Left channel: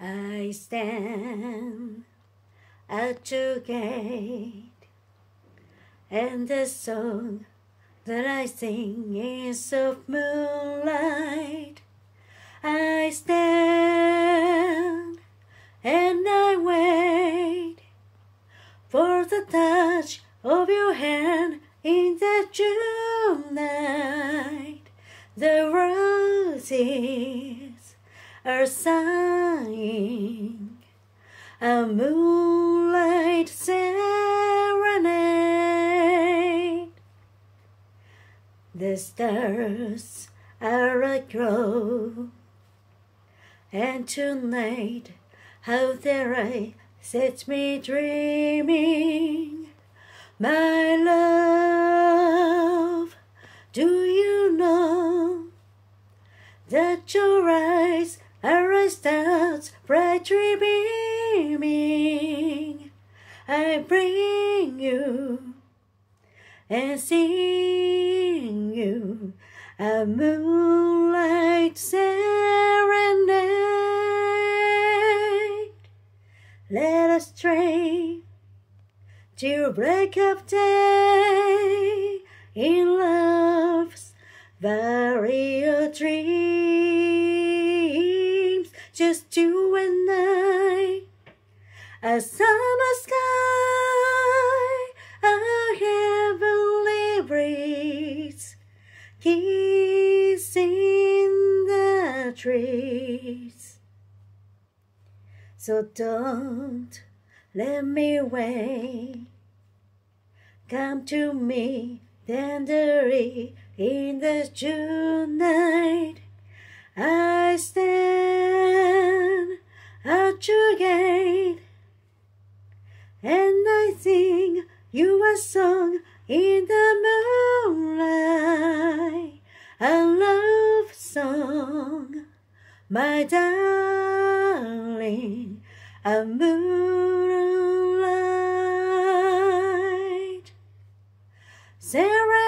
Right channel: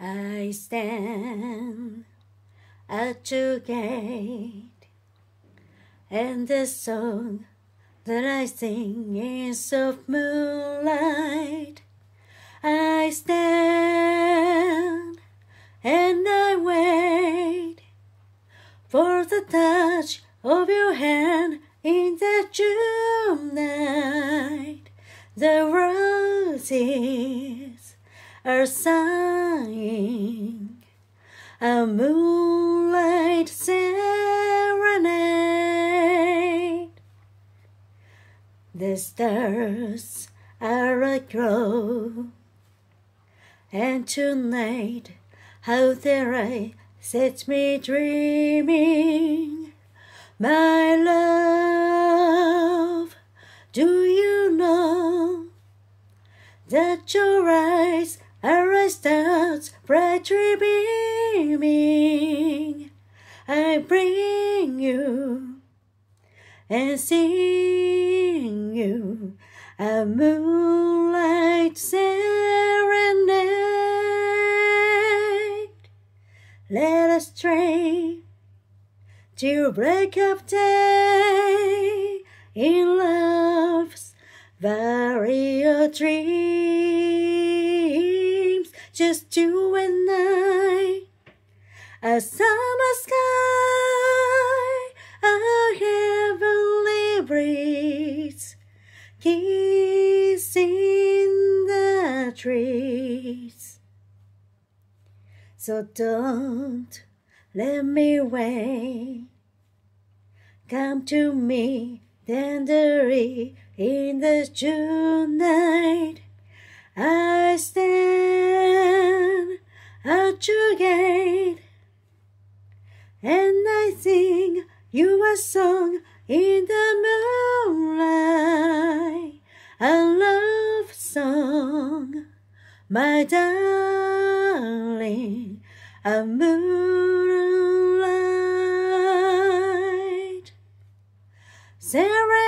I stand at your gate, and the song that I sing is of moonlight. I stand and I wait for the touch of your hand in the June night. The roses are sighing a moonlight serenade. The stars are aglow, and tonight how their eye sets me dreaming. My love, do you know that your eyes are as stars brightly beaming? I bring you and sing you a moonlight serenade. Let us dream till break of day in love's various dreams. Just you and I, a summer sky, a heavenly breeze, kissing the trees. So don't let me wait. Come to me tenderly in the June night. I stand at your gate, and I sing you a song in the moonlight, a love song, my darling, a moonlight serenade.